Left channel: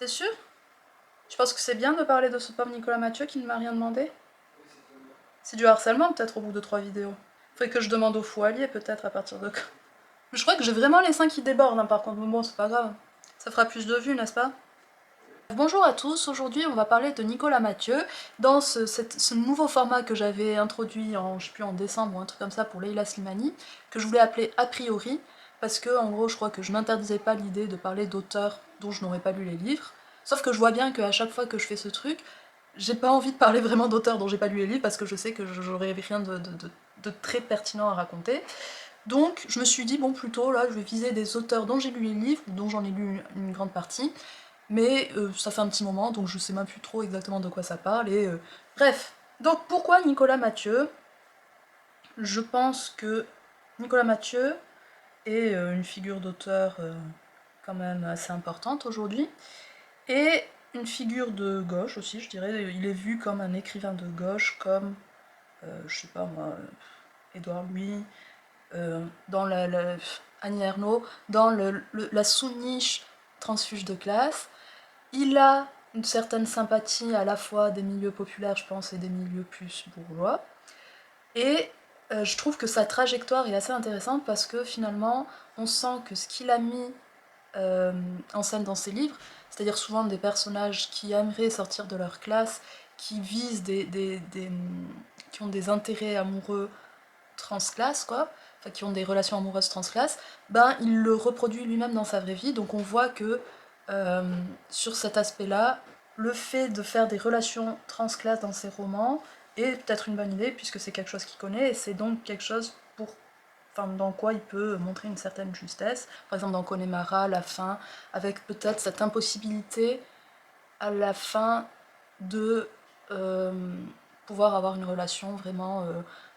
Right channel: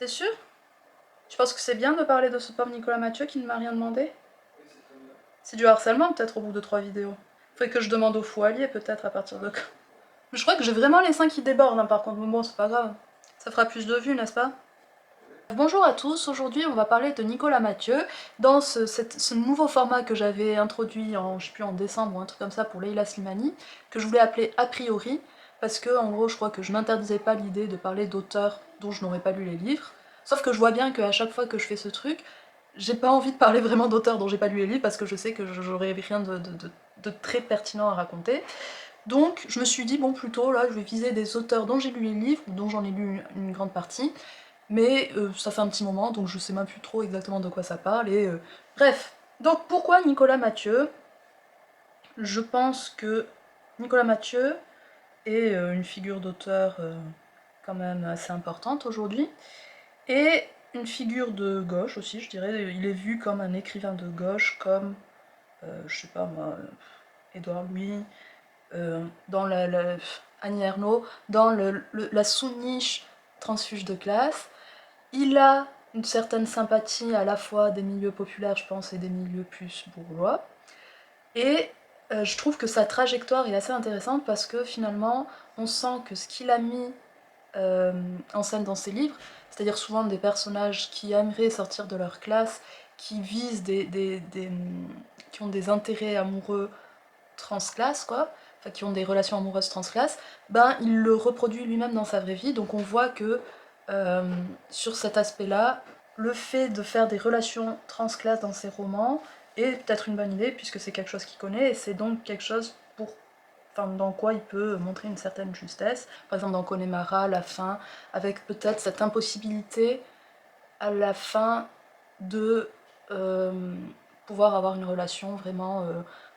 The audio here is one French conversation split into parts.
T'es sûr? Tu penses que c'est bien de parler de ce pauvre Nicolas Mathieu qui ne m'a rien demandé? C'est du harcèlement peut-être au bout de 3 vidéos. Faudrait que je demande au fou allié peut-être à partir de quand. Mais je crois que j'ai vraiment les seins qui débordent par contre, mais bon c'est pas grave. Ça fera plus de vues, n'est-ce pas? Bonjour à tous, aujourd'hui on va parler de Nicolas Mathieu dans ce nouveau format que j'avais introduit en, je sais plus, en décembre ou un truc comme ça pour Leila Slimani, que je voulais appeler A priori, parce que en gros je crois que je m'interdisais pas l'idée de parler d'auteurs dont je n'aurais pas lu les livres, sauf que je vois bien qu'à chaque fois que je fais ce truc, j'ai pas envie de parler vraiment d'auteurs dont j'ai pas lu les livres parce que je sais que j'aurais rien de très pertinent à raconter. Donc je me suis dit bon plutôt là je vais viser des auteurs dont j'ai lu les livres, ou dont j'en ai lu une grande partie, mais ça fait un petit moment, donc je sais même plus trop exactement de quoi ça parle, et bref. Donc pourquoi Nicolas Mathieu? Je pense que Nicolas Mathieu est une figure d'auteur quand même assez importante aujourd'hui, et une figure de gauche aussi, je dirais. Il est vu comme un écrivain de gauche, comme, je sais pas moi, Édouard Louis, dans Annie Ernaux, dans la sous-niche transfuge de classe. Il a une certaine sympathie à la fois des milieux populaires, je pense, et des milieux plus bourgeois. Et je trouve que sa trajectoire est assez intéressante parce que finalement, on sent que ce qu'il a mis euh, en scène dans ses livres, c'est-à-dire souvent des personnages qui aimeraient sortir de leur classe, qui visent qui ont des intérêts amoureux transclasses, quoi, enfin qui ont des relations amoureuses transclasses, ben il le reproduit lui-même dans sa vraie vie, donc on voit que euh, sur cet aspect-là, le fait de faire des relations transclasses dans ses romans est peut-être une bonne idée, puisque c'est quelque chose qu'il connaît, et c'est donc quelque chose enfin, dans quoi il peut montrer une certaine justesse. Par exemple dans Connemara, la fin, avec peut-être cette impossibilité à la fin de euh, pouvoir avoir une relation vraiment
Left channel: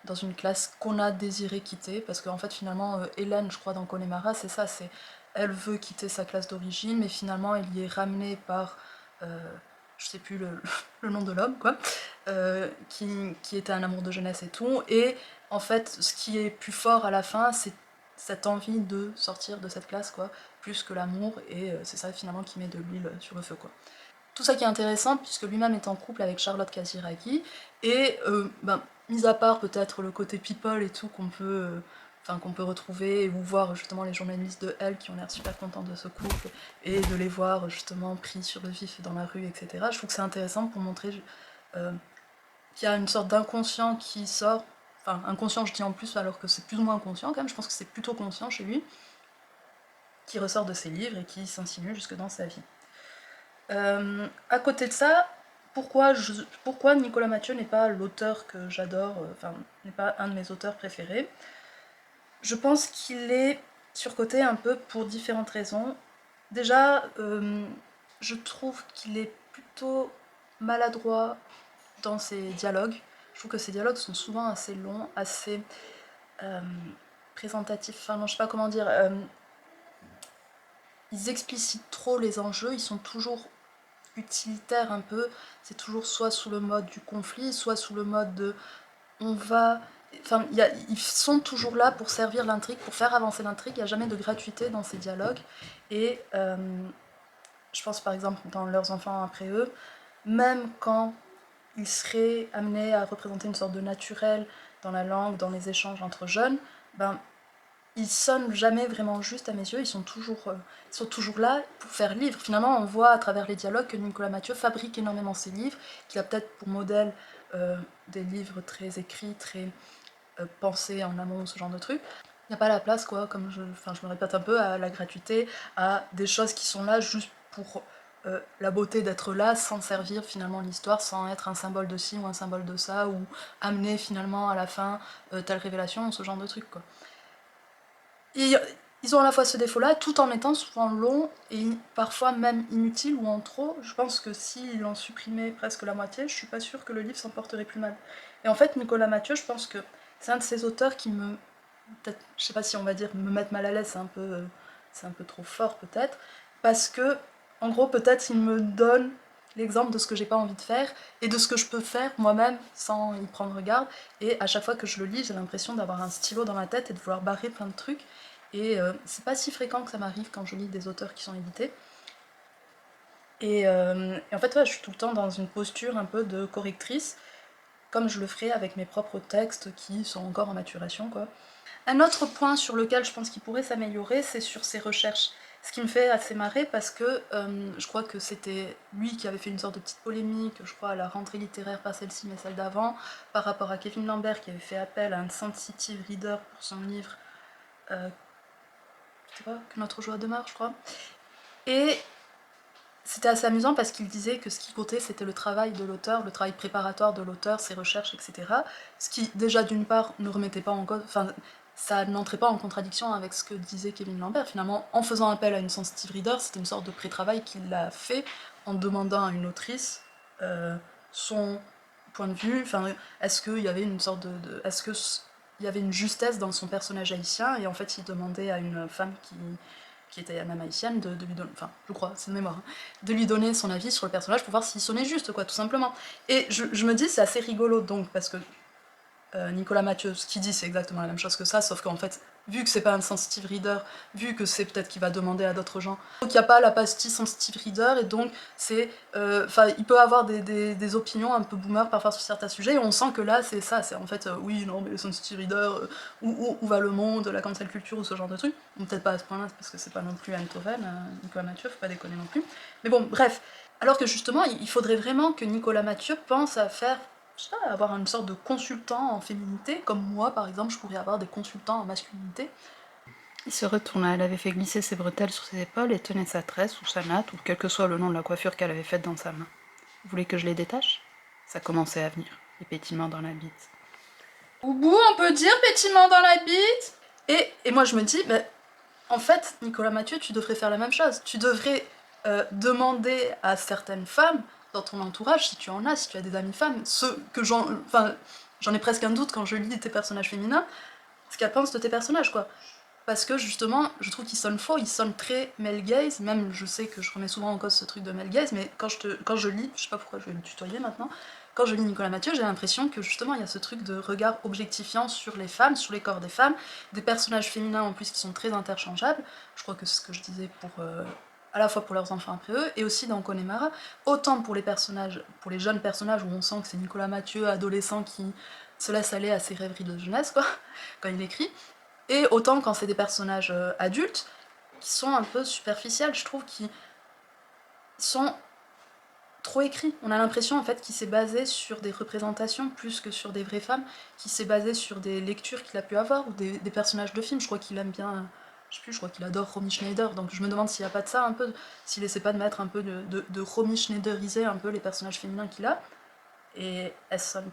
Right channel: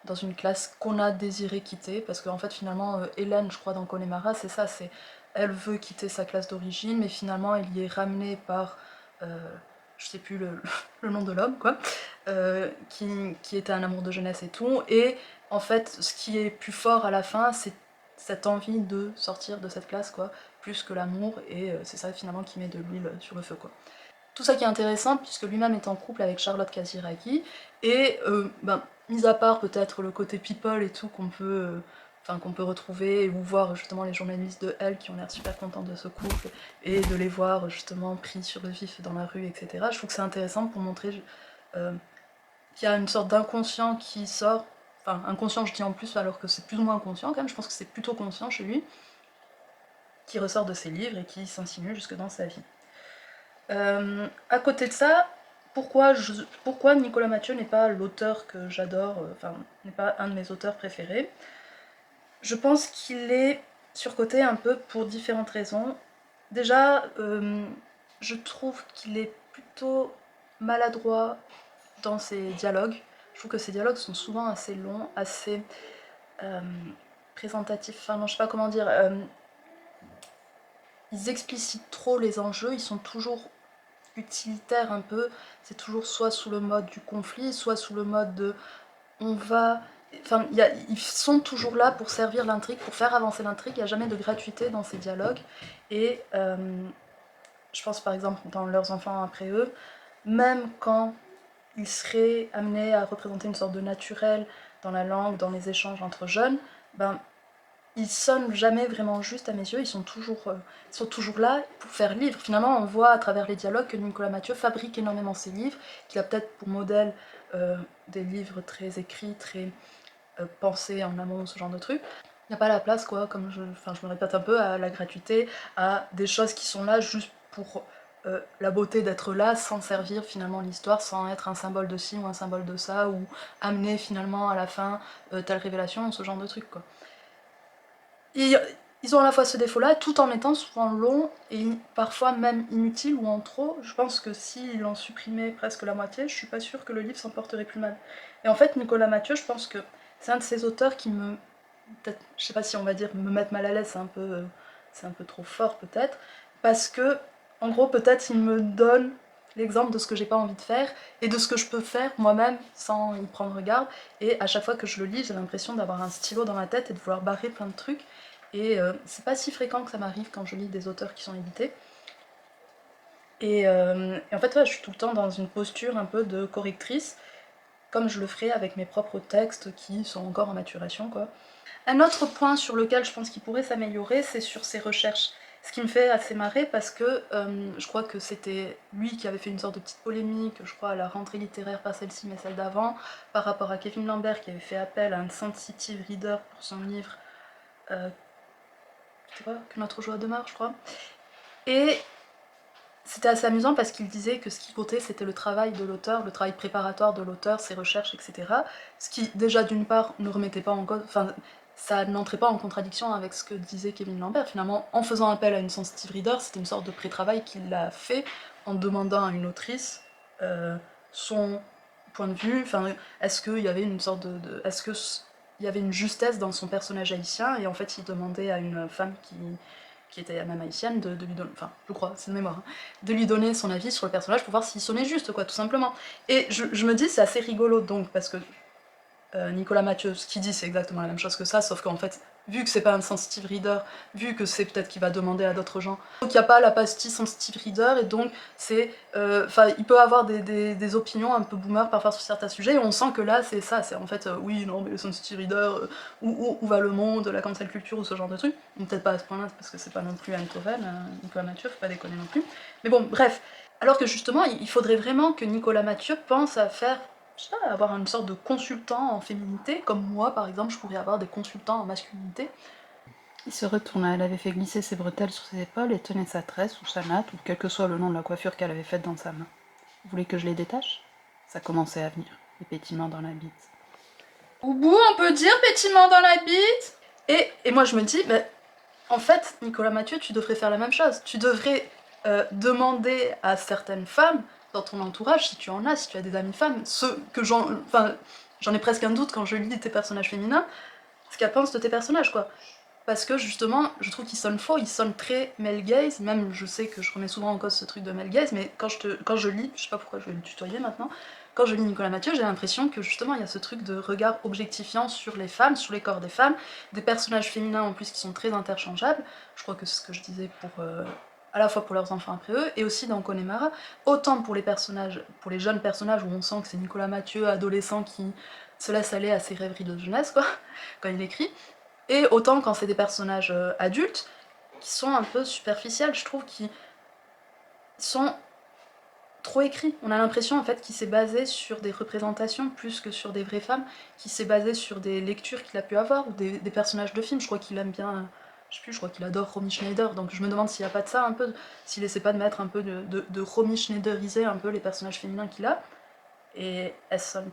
dans une classe qu'on a désiré quitter, parce qu'en fait finalement Hélène, je crois dans Connemara, c'est ça, c'est elle veut quitter sa classe d'origine, mais finalement elle y est ramenée par je sais plus le nom de l'homme, quoi, qui était un amour de jeunesse et tout, et en fait ce qui est plus fort à la fin, c'est cette envie de sortir de cette classe, quoi, plus que l'amour, et c'est ça finalement qui met de l'huile sur le feu, quoi. Tout ça qui est intéressant, puisque lui-même est en couple avec Charlotte Casiraghi, et ben, mis à part peut-être le côté people et tout qu'on peut retrouver, ou voir justement les journalistes de Elle qui ont l'air super contents de ce couple, et de les voir justement pris sur le vif dans la rue, etc. Je trouve que c'est intéressant pour montrer euh, qu'il y a une sorte d'inconscient qui sort, enfin inconscient je dis en plus alors que c'est plus ou moins inconscient quand même, je pense que c'est plutôt conscient chez lui, qui ressort de ses livres et qui s'insinue jusque dans sa vie. À côté de ça, pourquoi Nicolas Mathieu n'est pas l'auteur que j'adore, enfin, n'est pas un de mes auteurs préférés? Je pense qu'il est surcoté un peu pour différentes raisons. Déjà, je trouve qu'il est plutôt maladroit dans ses dialogues. Je trouve que ses dialogues sont souvent assez longs, assez euh, présentatifs, enfin non, je sais pas comment dire. Ils explicitent trop les enjeux, ils sont toujours utilitaire un peu, c'est toujours soit sous le mode du conflit, soit sous le mode de on va... Enfin, ils sont toujours là pour servir l'intrigue, pour faire avancer l'intrigue, il n'y a jamais de gratuité dans ces dialogues. Et je pense par exemple dans Leurs enfants après eux, même quand ils seraient amenés à représenter une sorte de naturel dans la langue, dans les échanges entre jeunes, ben ils sonnent jamais vraiment juste à mes yeux, ils sont toujours là pour faire livre. Finalement, on voit à travers les dialogues que Nicolas Mathieu fabrique énormément ses livres, qu'il a peut-être pour modèle des livres très écrits, très pensés en amont, ce genre de trucs. Il n'y a pas la place, quoi, comme enfin, je me répète un peu, à la gratuité, à des choses qui sont là juste pour la beauté d'être là, sans servir finalement l'histoire, sans être un symbole de ci ou un symbole de ça, ou amener finalement à la fin telle révélation, ce genre de trucs, quoi. Et ils ont à la fois ce défaut-là, tout en étant souvent longs et parfois même inutiles ou en trop. Je pense que s'ils en supprimaient presque la moitié, je suis pas sûre que le livre s'en porterait plus mal. Et en fait, Nicolas Mathieu, je pense que c'est un de ces auteurs qui me... peut-être, je sais pas si on va dire me mettre mal à l'aise, c'est un peu trop fort peut-être, parce que, en gros, peut-être il me donne l'exemple de ce que j'ai pas envie de faire et de ce que je peux faire moi-même sans y prendre garde. Et à chaque fois que je le lis, j'ai l'impression d'avoir un stylo dans ma tête et de vouloir barrer plein de trucs. Et c'est pas si fréquent que ça m'arrive quand je lis des auteurs qui sont édités. Et en fait, ouais, je suis tout le temps dans une posture un peu de correctrice, comme je le ferais avec mes propres textes qui sont encore en maturation, quoi. Un autre point sur lequel je pense qu'il pourrait s'améliorer, c'est sur ses recherches. Ce qui me fait assez marrer parce que je crois que c'était lui qui avait fait une sorte de petite polémique, je crois à la rentrée littéraire, pas celle-ci mais celle d'avant, par rapport à Kevin Lambert qui avait fait appel à un sensitive reader pour son livre, c'était quoi, Que notre joie demeure, je crois. Et c'était assez amusant parce qu'il disait que ce qui comptait c'était le travail de l'auteur, le travail préparatoire de l'auteur, ses recherches, etc. Ce qui déjà d'une part ne remettait pas en cause, enfin ça n'entrait pas en contradiction avec ce que disait Kevin Lambert. Finalement, en faisant appel à une sensitive reader, c'était une sorte de pré-travail qu'il a fait en demandant à une autrice son point de vue, enfin est-ce qu'il y avait une sorte est-ce que il y avait une justesse dans son personnage haïtien, et en fait il demandait à une femme qui était même haïtienne, de lui donner, enfin, je crois, c'est de mémoire, hein, de lui donner son avis sur le personnage pour voir s'il sonnait juste, quoi, tout simplement. Et je me dis, c'est assez rigolo, donc, parce que Nicolas Mathieu, ce qu'il dit, c'est exactement la même chose que ça, sauf qu'en fait, vu que c'est pas un sensitive reader, vu que c'est peut-être qu'il va demander à d'autres gens, donc il n'y a pas la pastille sensitive reader, et donc c'est... Enfin, il peut avoir des opinions un peu boomer parfois sur certains sujets, et on sent que là, c'est ça, c'est en fait, oui, non, mais le sensitive reader, où va le monde, la cancel culture, ou ce genre de truc, ou peut-être pas à ce point-là, parce que c'est pas non plus Anne Toven, Nicolas Mathieu, faut pas déconner non plus, mais bon, bref. Alors que justement, il faudrait vraiment que Nicolas Mathieu pense à faire, je sais pas, avoir une sorte de consultant en féminité, comme moi par exemple, je pourrais avoir des consultants en masculinité. Il se retourna, elle avait fait glisser ses bretelles sur ses épaules et tenait sa tresse ou sa natte, ou quel que soit le nom de la coiffure qu'elle avait faite dans sa main. Vous voulez que je les détache? Ça commençait à venir, les pétillements dans la bite. Au bout, on peut dire pétillement dans la bite. Et moi je me dis, mais en fait, Nicolas Mathieu, tu devrais faire la même chose. Tu devrais demander à certaines femmes dans ton entourage, si tu en as, si tu as des amies femmes, ce que j'en ai presque un doute quand je lis tes personnages féminins, ce qu'elles pensent de tes personnages, quoi. Parce que justement, je trouve qu'ils sonnent faux, ils sonnent très male gaze, même je sais que je remets souvent en cause ce truc de male gaze, mais quand je lis, je sais pas pourquoi je vais le tutoyer maintenant, quand je lis Nicolas Mathieu, j'ai l'impression que justement il y a ce truc de regard objectifiant sur les femmes, sur les corps des femmes, des personnages féminins en plus qui sont très interchangeables, je crois que c'est ce que je disais pour... à la fois pour leurs enfants après eux, et aussi dans Connemara, autant pour les personnages, pour les jeunes personnages où on sent que c'est Nicolas Mathieu, adolescent, qui se laisse aller à ses rêveries de jeunesse, quoi, quand il écrit, et autant quand c'est des personnages adultes, qui sont un peu superficiels, je trouve, qui sont trop écrits. On a l'impression en fait qu'il s'est basé sur des représentations plus que sur des vraies femmes, qu'il s'est basé sur des lectures qu'il a pu avoir, ou des personnages de films. Je crois qu'il aime bien, je sais plus, je crois qu'il adore Romy Schneider, donc je me demande s'il n'y a pas de ça un peu, s'il essaie pas de mettre un peu de Romy Schneideriser un peu les personnages féminins qu'il a, et elles sonnent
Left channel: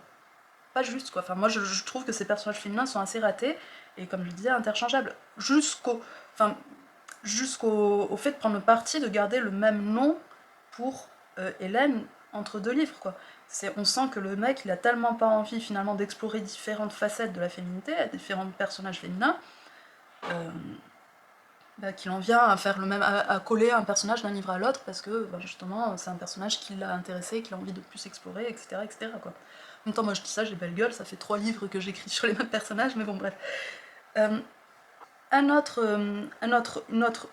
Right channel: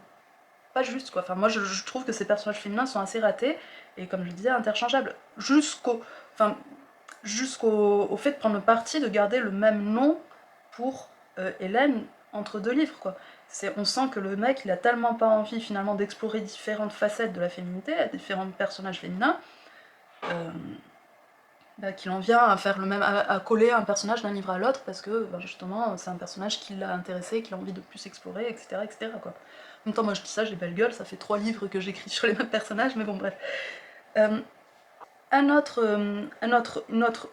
pas juste, quoi. Enfin, moi je trouve que ces personnages féminins sont assez ratés, et comme je disais, interchangeables, enfin, jusqu'au au fait de prendre le parti de garder le même nom pour Hélène entre deux livres, quoi. On sent que le mec, il a tellement pas envie finalement d'explorer différentes facettes de la féminité, différents personnages féminins, euh, bah, qu'il en vient à faire le même, à coller un personnage d'un livre à l'autre parce que bah, justement c'est un personnage qui l'a intéressé, qu'il a envie de plus explorer, etc., etc., quoi. En même temps, moi je dis ça, j'ai belle gueule, ça fait 3 livres que j'écris sur les mêmes personnages, mais bon, bref. Euh, un autre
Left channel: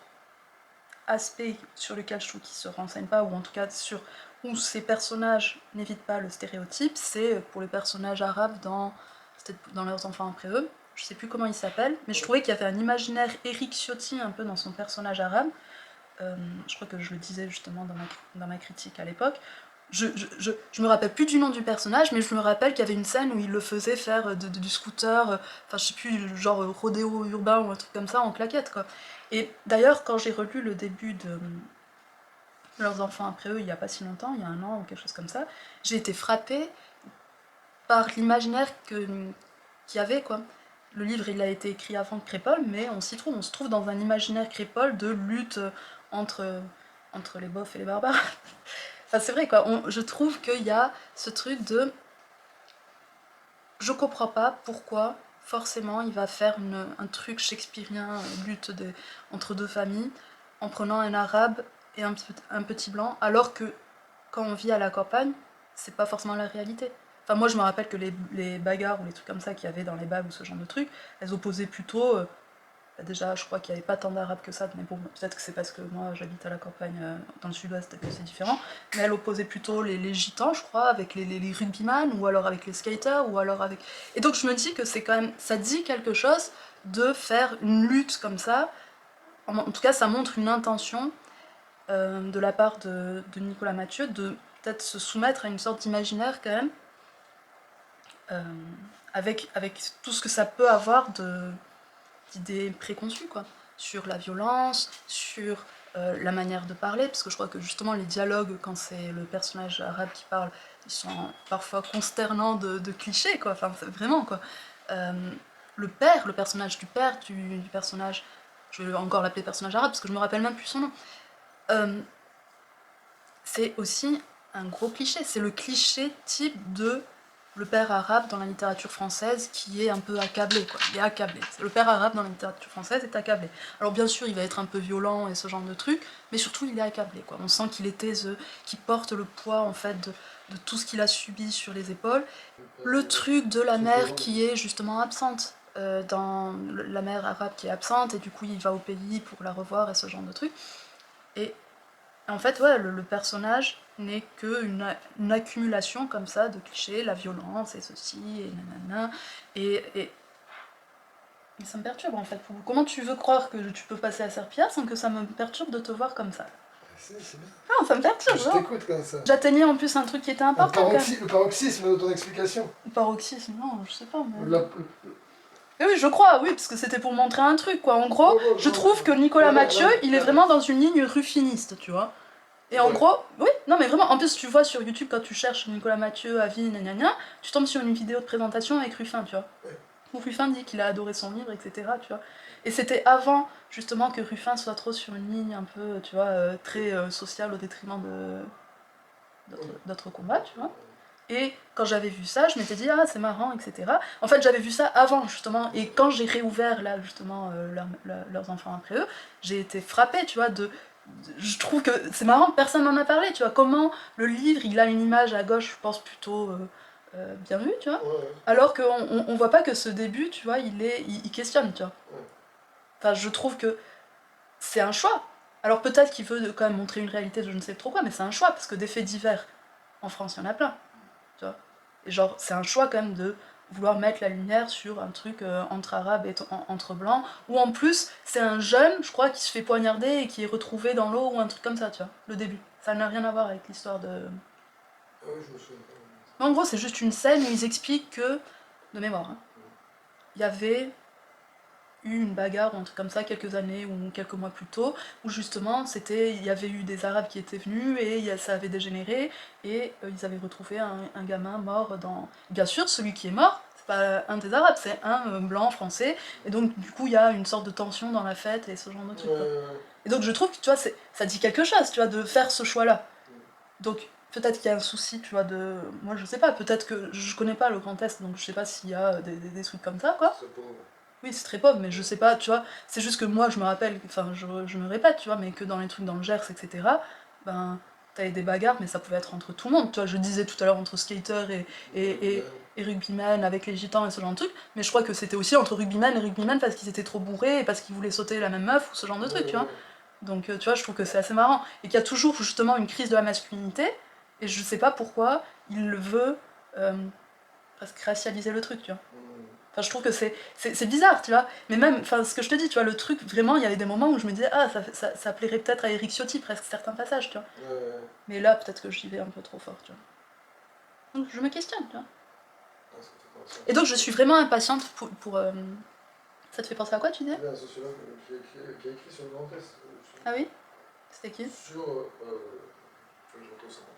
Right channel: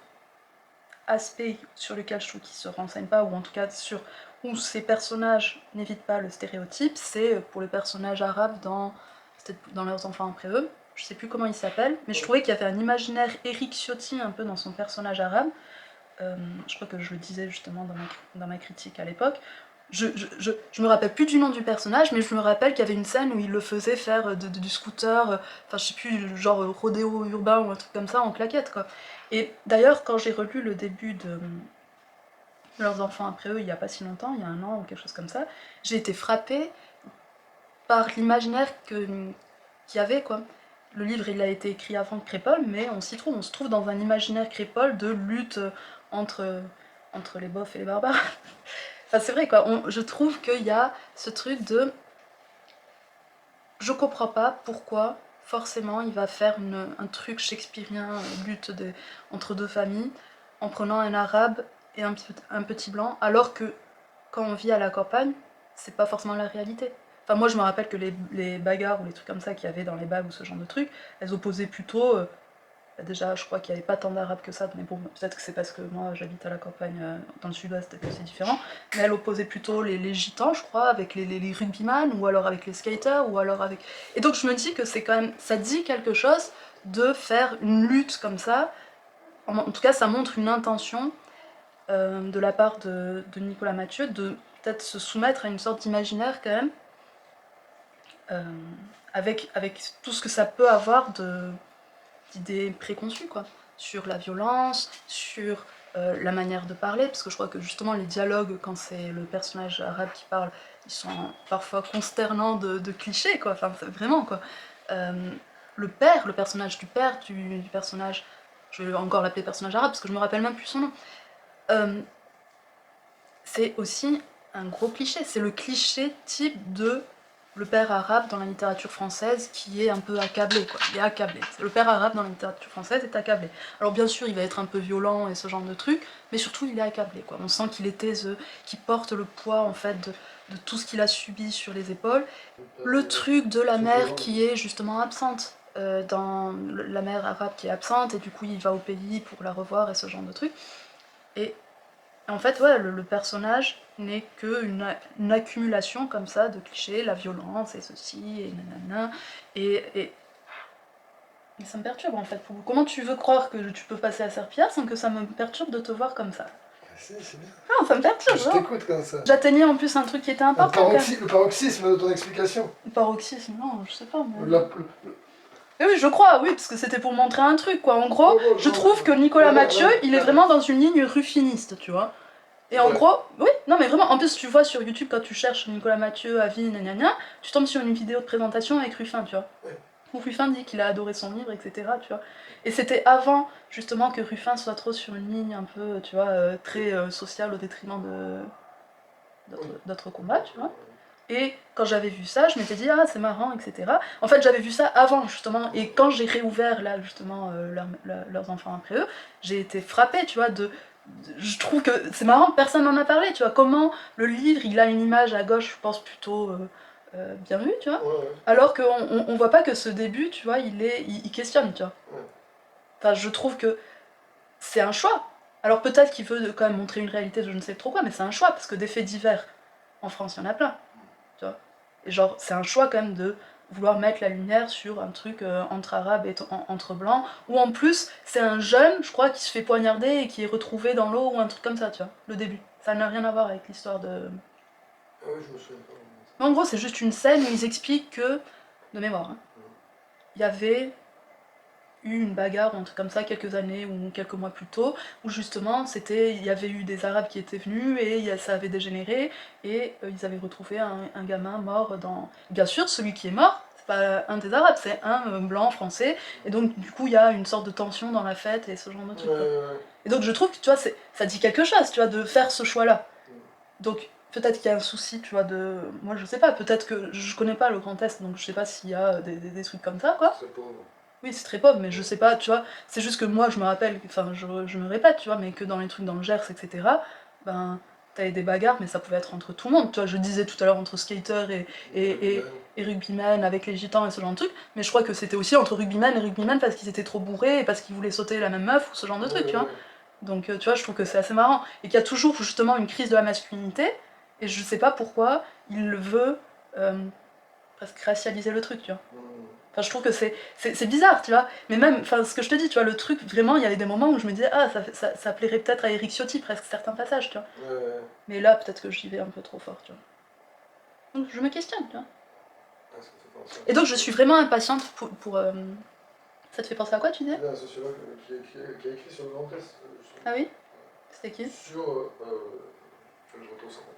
aspect sur lequel je trouve qu'il se renseigne pas, ou en tout cas sur où ces personnages n'évitent pas le stéréotype, c'est pour les personnages arabes dans Leurs enfants après eux. Je sais plus comment il s'appelle, mais je trouvais qu'il y avait un imaginaire Eric Ciotti un peu dans son personnage arabe. Je crois que je le disais justement dans ma critique à l'époque. Je me rappelle plus du nom du personnage, mais je me rappelle qu'il y avait une scène où il le faisait faire du scooter, enfin je sais plus, genre rodéo urbain ou un truc comme ça en claquette, quoi. Et d'ailleurs, quand j'ai relu le début de Leurs enfants après eux, il y a pas si longtemps, il y a un an ou quelque chose comme ça, j'ai été frappée par l'imaginaire qu'il y avait, quoi. Le livre, il a été écrit avant Crépole, mais on se trouve dans un imaginaire Crépole de lutte entre les bofs et les barbares. Enfin, c'est vrai, quoi. Je trouve qu'il y a ce truc de... Je comprends pas pourquoi, forcément, il va faire un truc shakespearien, entre deux familles, en prenant un arabe et un petit blanc, alors que quand on vit à la campagne, c'est pas forcément la réalité. Enfin, moi, je me rappelle que les bagarres ou les trucs comme ça qu'il y avait dans les bagues ou ce genre de trucs, elles opposaient plutôt Déjà, je crois qu'il n'y avait pas tant d'arabes que ça, mais bon, peut-être que c'est parce que moi j'habite à la campagne dans le sud-ouest et que c'est différent. Mais elle opposait plutôt les gitans, je crois, avec les rugbyman, ou alors avec les skaters, ou alors avec. Et donc je me dis que c'est quand même. Ça dit quelque chose de faire une lutte comme ça. En tout cas, ça montre une intention de la part de Nicolas Mathieu de peut-être se soumettre à une sorte d'imaginaire quand même, euh, avec tout ce que ça peut avoir d'idées préconçues, quoi, sur la violence, sur la manière de parler, parce que je crois que justement les dialogues, quand c'est le personnage arabe qui parle, ils sont parfois consternants de clichés, quoi, enfin vraiment, quoi. Euh, le personnage du père, du personnage, je vais encore l'appeler personnage arabe, parce que je me rappelle même plus son nom, euh, c'est aussi un gros cliché, c'est le cliché type de le père arabe dans la littérature française qui est un peu accablé, quoi. Il est accablé. Le père arabe dans la littérature française est accablé. Alors bien sûr, il va être un peu violent et ce genre de truc, mais surtout il est accablé, quoi. On sent qu'il est taiseux, qu'il porte le poids en fait de tout ce qu'il a subi sur les épaules. Le truc de la mère qui est justement absente. Dans la mère arabe qui est absente et du coup il va au pays pour la revoir et ce genre de truc. Et en fait, ouais, le personnage n'est qu'une accumulation comme ça de clichés, la violence et ceci, et nanana, et ça me perturbe en fait. Comment tu veux croire que tu peux passer à Serpillard sans que ça me perturbe de te voir comme ça? C'est bien. Non, ça me perturbe, Je non. t'écoute comme ça. J'atteignais en plus un truc qui était important quand même. Le paroxysme de ton explication. Le paroxysme, non, je sais pas, mais... La- Mais oui, je crois, oui, parce que c'était pour montrer un truc, quoi. En gros, Ouais, ouais, je trouve que Nicolas Mathieu, il est vraiment dans une ligne ruffiniste, tu vois. Et en Ouais. gros, oui, non mais vraiment, en plus tu vois sur YouTube quand tu cherches Nicolas Mathieu, avis, gna, tu tombes sur une vidéo de présentation avec Ruffin, tu vois. Ouais. Où Ruffin dit qu'il a adoré son livre, etc., tu vois. Et c'était avant, justement, que Ruffin soit trop sur une ligne un peu, tu vois, très sociale au détriment d'autres combats, tu vois. Et quand j'avais vu ça, je m'étais dit, ah, c'est marrant, etc. En fait, j'avais vu ça avant, justement, et quand j'ai réouvert, là, justement, leurs enfants après eux, j'ai été frappée, tu vois, je trouve que c'est marrant, personne n'en a parlé, tu vois. Comment le livre, il a une image à gauche, je pense, plutôt bien vue, tu vois. Ouais. Alors qu'on on voit pas que ce début, tu vois, il questionne, tu vois. Ouais. Enfin, je trouve que c'est un choix. Alors peut-être qu'il veut quand même montrer une réalité de je ne sais trop quoi, mais c'est un choix, parce que des faits divers, en France, il y en a plein. Tu vois. Et genre, c'est un choix quand même de vouloir mettre la lumière sur un truc entre arabes et entre blancs, ou en plus, c'est un jeune, je crois, qui se fait poignarder et qui est retrouvé dans l'eau ou un truc comme ça, tu vois, le début. Ça n'a rien à voir avec l'histoire de... Ah oui, je me souviens pas. Mais en gros, c'est juste une scène où ils expliquent que, de mémoire, hein, il y avait eu une bagarre ou un truc comme ça quelques années ou quelques mois plus tôt, où justement il y avait eu des arabes qui étaient venus et ça avait dégénéré et ils avaient retrouvé un gamin mort dans... Bien sûr, celui qui est mort, c'est pas un des arabes, c'est un blanc français, et donc du coup il y a une sorte de tension dans la fête et ce genre de truc. Quoi. Et donc je trouve que tu vois, ça dit quelque chose, tu vois, de faire ce choix-là. Donc peut-être qu'il y a un souci, tu vois, de... Moi je sais pas, peut-être que je connais pas le Grand Est, donc je sais pas s'il y a des trucs comme ça, quoi. C'est pauvre. Oui, c'est très pauvre, mais je sais pas, tu vois, c'est juste que moi, je me rappelle, enfin, je me répète, tu vois, mais que dans les trucs dans le Gers, etc., ben, t'avais des bagarres, mais ça pouvait être entre tout le monde, tu vois, je disais tout à l'heure entre skater et rugbyman avec les gitans et ce genre de truc, mais je crois que c'était aussi entre rugbyman et rugbyman parce qu'ils étaient trop bourrés et parce qu'ils voulaient sauter la même meuf ou ce genre de truc, tu vois. Donc, tu vois, je trouve que c'est assez marrant, et qu'il y a toujours justement une crise de la masculinité, et je sais pas pourquoi il le veut presque racialiser le truc, tu vois. Enfin, je trouve que c'est bizarre, tu vois. Mais même, enfin, ce que je te dis, tu vois, le truc, vraiment, il y avait des moments où je me disais, ah, ça plairait peut-être à Eric Ciotti, presque, certains passages, tu vois. Mais là, peut-être que j'y vais un peu trop fort, tu vois. Donc, je me questionne, tu vois. Et donc, je suis vraiment impatiente pour Ça te fait penser à quoi, tu disais? Il y a un sociologue qui a écrit sur le Grand Est. Ah oui? C'était qui? Sur. Je retrouve son nom.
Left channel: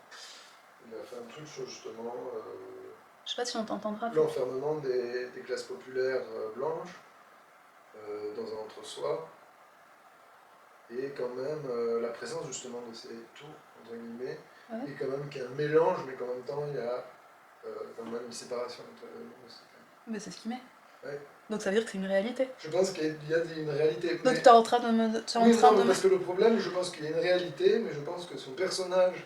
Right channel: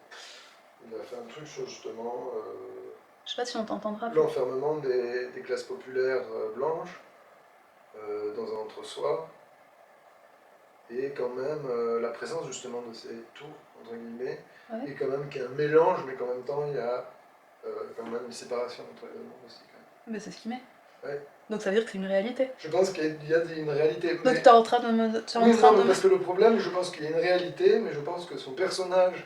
Il a fait un truc sur justement Je sais pas si on t'entendra. l'enfermement des classes populaires blanches dans un entre-soi. Et quand même la présence justement de ces tours, entre guillemets, Ouais. et quand même qu'il y a un mélange, mais qu'en même temps il y a quand même une séparation entre les mondes aussi. Quand même. Mais c'est ce qu'il met. Ouais. Donc ça veut dire que c'est une réalité. Je pense qu'il y a une réalité. Donc Mais... t'es en train de me... Oui, non, parce que le problème, je pense qu'il y a une réalité, mais je pense que son personnage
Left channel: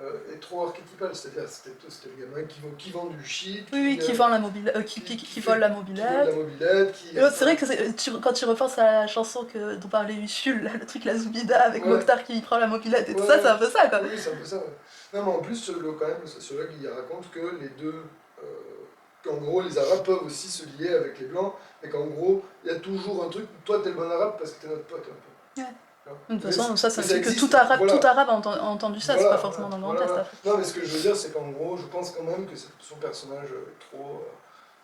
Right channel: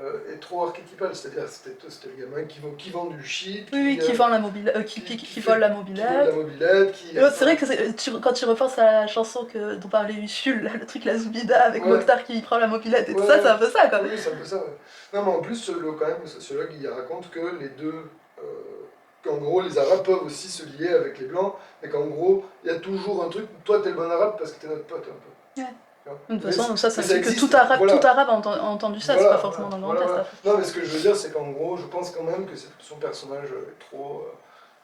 est trop archétypale, c'est-à-dire c'était le gamin qui vend du shit, Oui, qui vend la qui vole la qui vole la mobilette. mobilette, C'est vrai que quand tu repenses à la chanson dont parlait Usul, là, le truc La Zoubida avec ouais, Mokhtar qui prend la mobilette et tout ça, ouais, c'est un peu ça quoi. oui, c'est un peu ça. Ouais. Non, mais en plus, quand même, le sociologue, il raconte que les deux, qu'en gros, les Arabes peuvent aussi se lier avec les Blancs, et qu'en gros, il y a toujours un truc, toi, t'es le bon Arabe parce que t'es notre pote, un peu. Ouais. Tu vois. De toute façon, ça c'est Mais un ça truc que existe, tout voilà. arabe a entendu ça, c'est pas forcément dans le Grand Est Voilà. après. Non, mais ce que je veux dire, c'est qu'en gros, je pense quand même que son personnage est trop,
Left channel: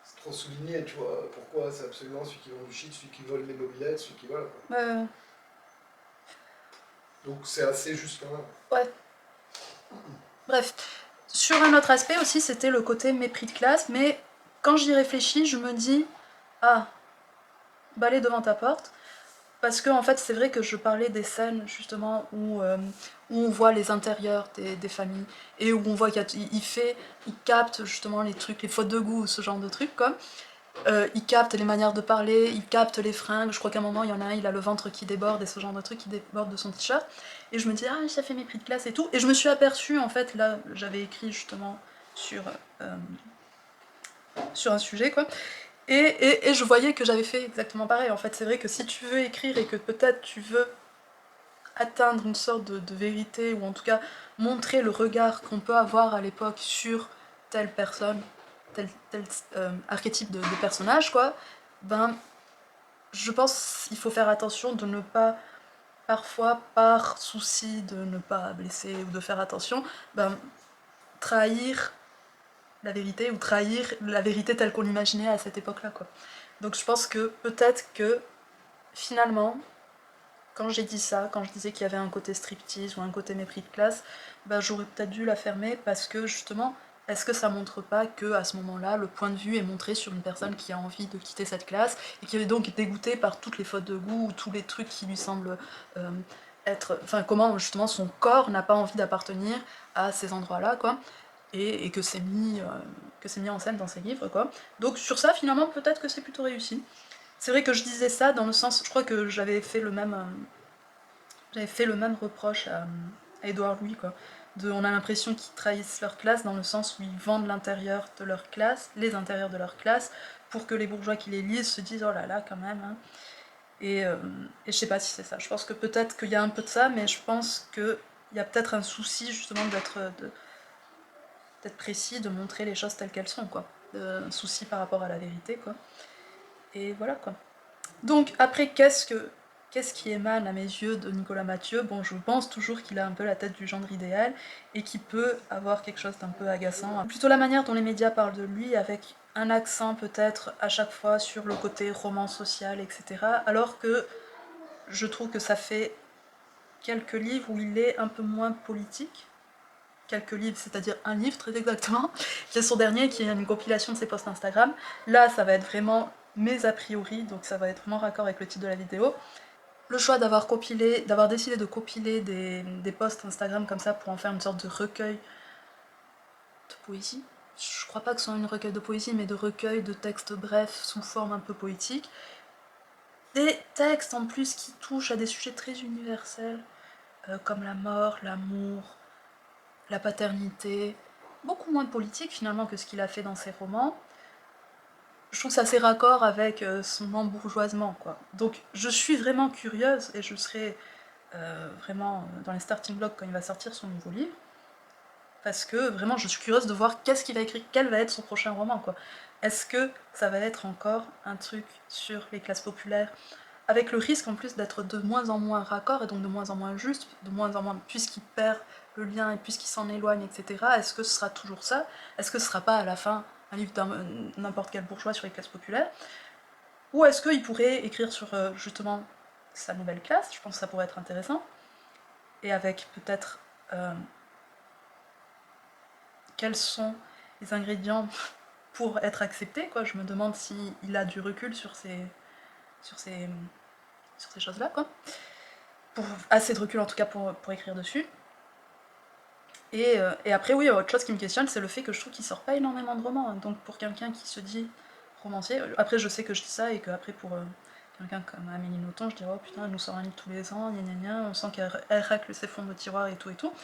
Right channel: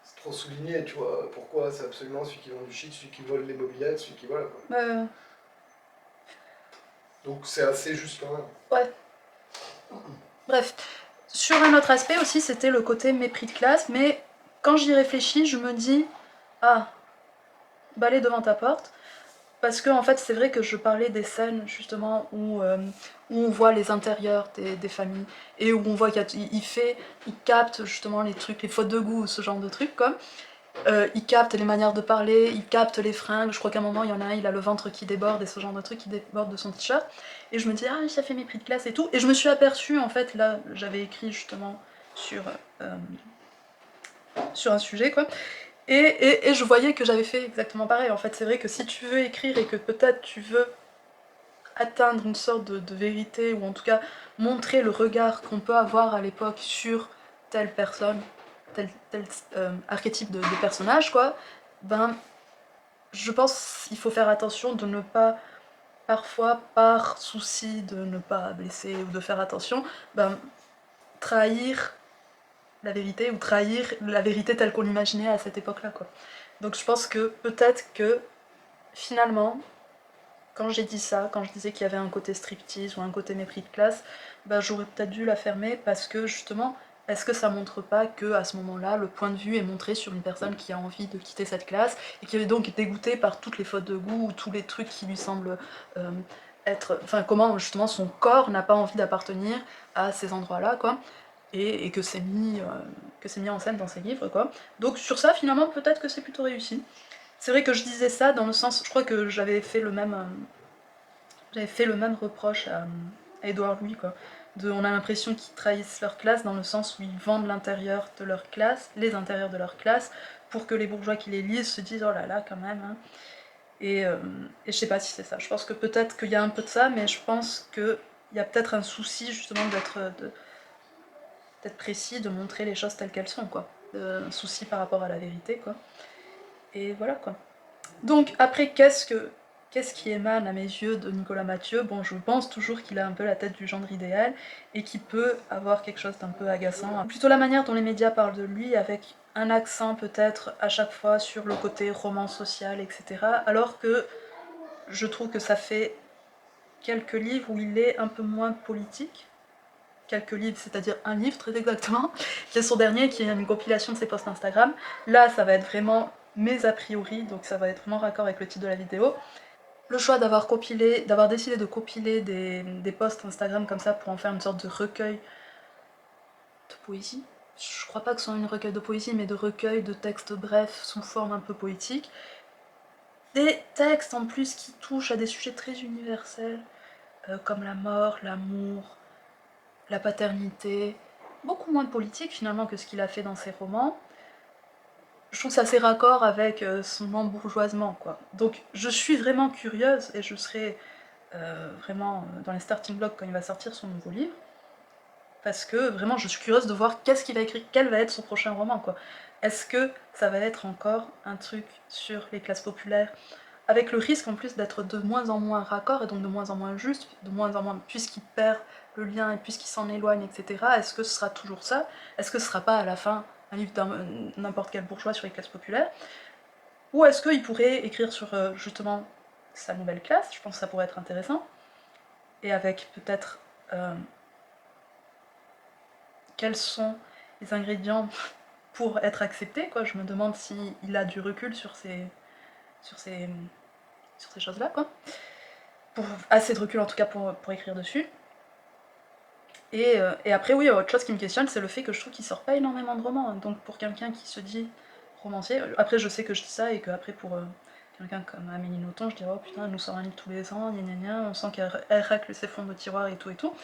c'est trop souligné, tu vois. Pourquoi c'est absolument celui qui vend du shit, celui qui vole les mobilettes, celui qui voilà, quoi. Euh, Donc c'est assez juste quand même. ouais. Bref. Sur un autre aspect aussi, c'était le côté mépris de classe, mais quand j'y réfléchis, je me dis, ah, balai devant ta porte. Parce que en fait, c'est vrai que je parlais des scènes justement où on voit les intérieurs des familles et où on voit il capte justement les trucs, les fautes de goût, ce genre de trucs quoi. Il capte les manières de parler, il capte les fringues. Je crois qu'à un moment, il y en a un, il a le ventre qui déborde et ce genre de trucs qui déborde de son t-shirt. Et je me dis, ah, ça fait mépris de classe et tout. Et je me suis aperçue, en fait, là, j'avais écrit justement sur, euh, sur un sujet quoi. Et je voyais que j'avais fait exactement pareil. En fait, c'est vrai que si tu veux écrire et que peut-être tu veux atteindre une sorte de vérité, ou en tout cas montrer le regard qu'on peut avoir à l'époque sur telle personne, tel archétype de personnage, quoi, ben, je pense qu'il faut faire attention de ne pas, parfois, par souci de ne pas blesser ou de faire attention, ben, trahir la vérité ou trahir la vérité telle qu'on l'imaginait à cette époque-là, quoi. Donc je pense que peut-être que finalement, quand j'ai dit ça, quand je disais qu'il y avait un côté striptease ou un côté mépris de classe, bah, j'aurais peut-être dû la fermer parce que justement, est-ce que ça montre pas que à ce moment-là, le point de vue est montré sur une personne qui a envie de quitter cette classe et qui est donc dégoûtée par toutes les fautes de goût ou tous les trucs qui lui semblent euh, enfin comment justement son corps n'a pas envie d'appartenir à ces endroits-là, quoi, et que c'est mis en scène dans ses livres, quoi. Donc sur ça, finalement, peut-être que c'est plutôt réussi. C'est vrai que je disais ça dans le sens, je crois que j'avais fait le même reproche à Édouard Louis, quoi. On a l'impression qu'ils trahissent leur classe dans le sens où ils vendent l'intérieur de leur classe, les intérieurs de leur classe, pour que les bourgeois qui les lisent se disent oh là là quand même. Hein. Et je sais pas si c'est ça. Je pense que peut-être qu'il y a un peu de ça, mais je pense qu'il y a peut-être un souci justement d'être précis, de montrer les choses telles qu'elles sont, quoi. Un souci par rapport à la vérité, quoi. Et voilà, quoi. Donc après, qu'est-ce qui émane à mes yeux de Nicolas Mathieu? Bon, je pense toujours qu'il a un peu la tête du gendre idéal et qu'il peut avoir quelque chose d'un peu agaçant. Plutôt la manière dont les médias parlent de lui, avec un accent peut-être à chaque fois sur le côté roman social, etc. Alors que je trouve que ça fait quelques livres où il est un peu moins politique. Quelques livres, c'est-à-dire un livre très exactement, qui est son dernier, qui est une compilation de ses posts Instagram. Là, ça va être vraiment mes a priori, donc ça va être vraiment raccord avec le titre de la vidéo. Le choix d'avoir décidé de compiler des posts Instagram comme ça pour en faire une sorte de recueil de poésie. Je crois pas que ce soit une recueil de poésie, mais de recueil de textes brefs sous forme un peu poétique. Des textes en plus qui touchent à des sujets très universels, comme la mort, l'amour, la paternité, beaucoup moins politique finalement que ce qu'il a fait dans ses romans. Je trouve que c'est assez raccord avec son embourgeoisement, quoi. Donc je suis vraiment curieuse et je serai vraiment dans les starting blocks quand il va sortir son nouveau livre, parce que vraiment je suis curieuse de voir qu'est-ce qu'il va écrire, quel va être son prochain roman, quoi. Est-ce que ça va être encore un truc sur les classes populaires, avec le risque en plus d'être de moins en moins raccord et donc de moins en moins juste, de moins en moins, puisqu'il perd le lien et puisqu'il s'en éloigne, etc. Est-ce que ce sera toujours ça? Est-ce que ce sera pas à la fin un livre n'importe quel bourgeois sur les classes populaires? Ou est-ce qu'il pourrait écrire sur justement sa nouvelle classe? Je pense que ça pourrait être intéressant. Et avec peut-être quels sont les ingrédients pour être accepté, quoi. Je me demande s'il a du recul sur ces, sur ces choses-là, quoi. Assez de recul en tout cas pour écrire dessus. Et après, oui, autre chose qui me questionne, c'est le fait que je trouve qu'il sort pas énormément de romans. Donc pour quelqu'un qui se dit romancier, après je sais que je dis ça et qu'après pour quelqu'un comme Amélie Nothomb, je dirais oh putain, elle nous sort un livre tous les ans, gna gna gna, on sent qu'elle racle ses fonds de tiroir et tout et tout.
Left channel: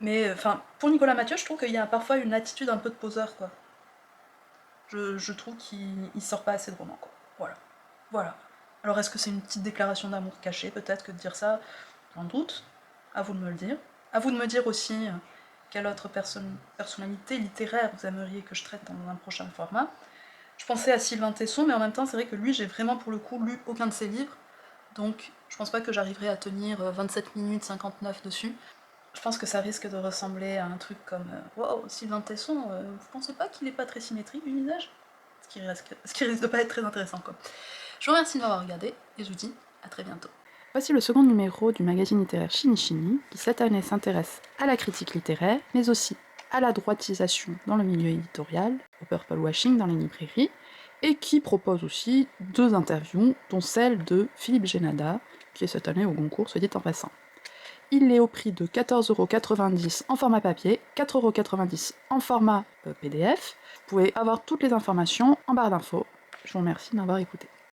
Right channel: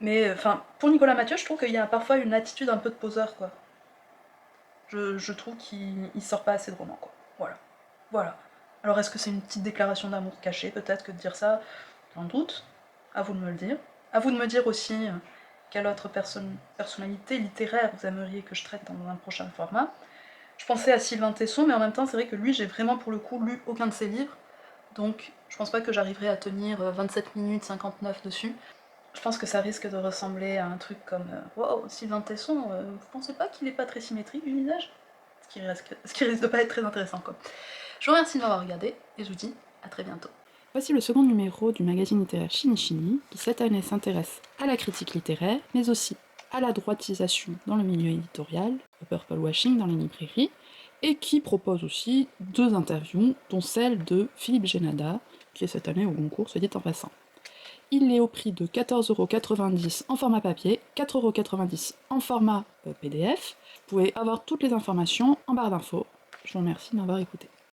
Mais enfin, pour Nicolas Mathieu, je trouve qu'il y a parfois une attitude un peu de poseur, quoi. Je trouve qu'il sort pas assez de romans, quoi. Voilà. Voilà. Alors est-ce que c'est une petite déclaration d'amour cachée, peut-être, que de dire ça? J'en doute. À vous de me le dire. À vous de me dire aussi quelle autre personnalité littéraire vous aimeriez que je traite dans un prochain format. Je pensais à Sylvain Tesson, mais en même temps, c'est vrai que lui, j'ai vraiment pour le coup lu aucun de ses livres, donc je pense pas que j'arriverai à tenir 27 minutes 59 dessus. Je pense que ça risque de ressembler à un truc comme wow, Sylvain Tesson, vous pensez pas qu'il est pas très symétrique du visage? Ce qui risque de pas être très intéressant, quoi. Je vous remercie de m'avoir regardé, et je vous dis à très bientôt. Voici le second numéro du magazine littéraire Chini Chini, qui cette année s'intéresse à la critique littéraire, mais aussi à la droitisation dans le milieu éditorial, au purple washing dans les librairies, et qui propose aussi 2 interviews, dont celle de Philippe Génada, qui est cette année au Goncourt, soit dit en passant. Il est au prix de 14,90€ en format papier, 4,90€ en format PDF. Vous pouvez avoir toutes les informations en barre d'infos. Je vous remercie de m'avoir écouté.